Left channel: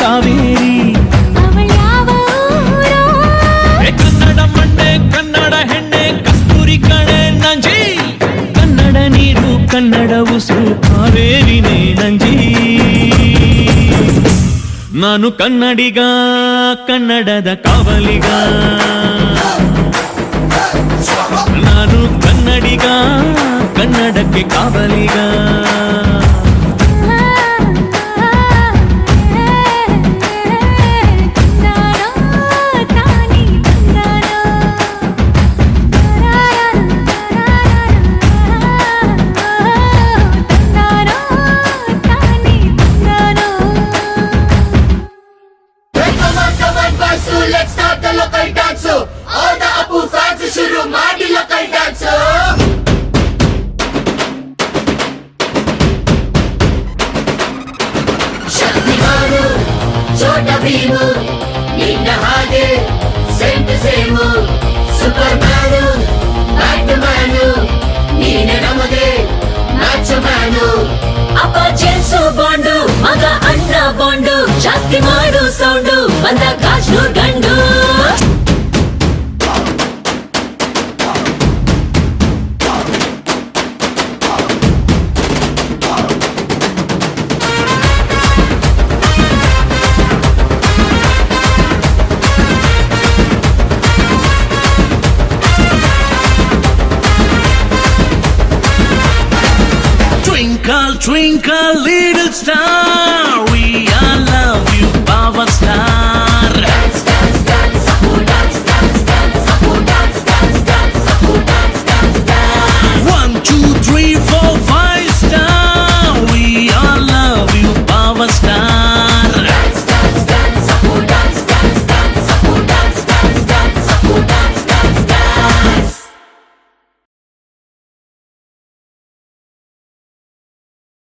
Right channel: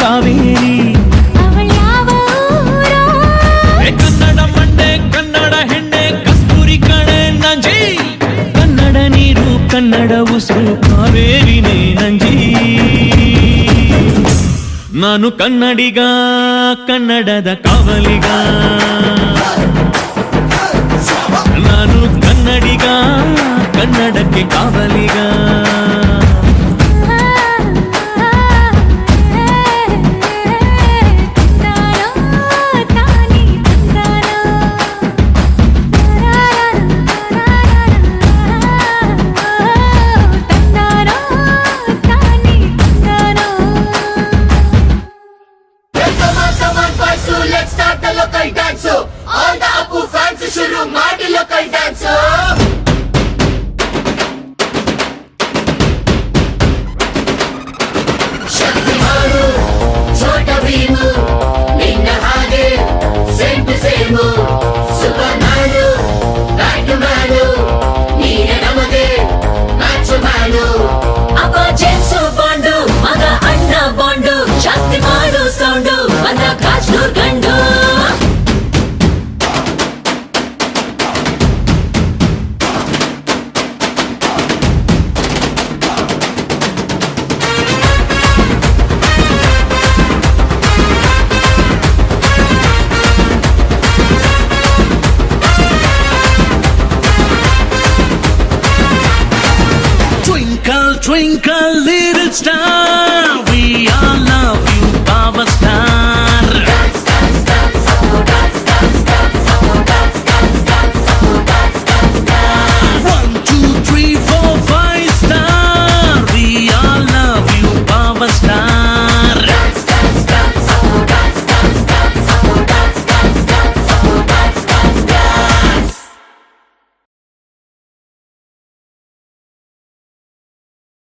ಕಾವೇರಿ ಅವಳ ಯಾವ ಊರೋ? ಕನ್ನಡ ಮಂಡೆ ಕನ್ನಡ ಹೆಣ್ಣೆ ಕಸ್ತೂರಿ ಕಣೆ ನಂಜಿ ಕನ್ನಡ ನೀರು ಕನ್ನಡ ಉಸಿರು ಕಾವೇರಿನೇ ನಂಜಿ ನಾನು ಕನ್ನಡಿಗ ಕನ್ನಡದ ಕಾವಲಿಗ ನಾನು ಕನ್ನಡಿಗ ಕನ್ನಡಕ್ಕೆ ಕಾವಲಿಗ ತಂದಾನೋ ತಾನಿ ತಂದಾನೋ ತಂದಾನೋ ತಾನಿ ತಂದಾನೋ. Come on, Basu, let's start the local dance. All the Apu fans shuru ಮಾಡಿ local dance. ಶಕ್ತಿಮಾನು, ಛೋಟ ಭೀಮು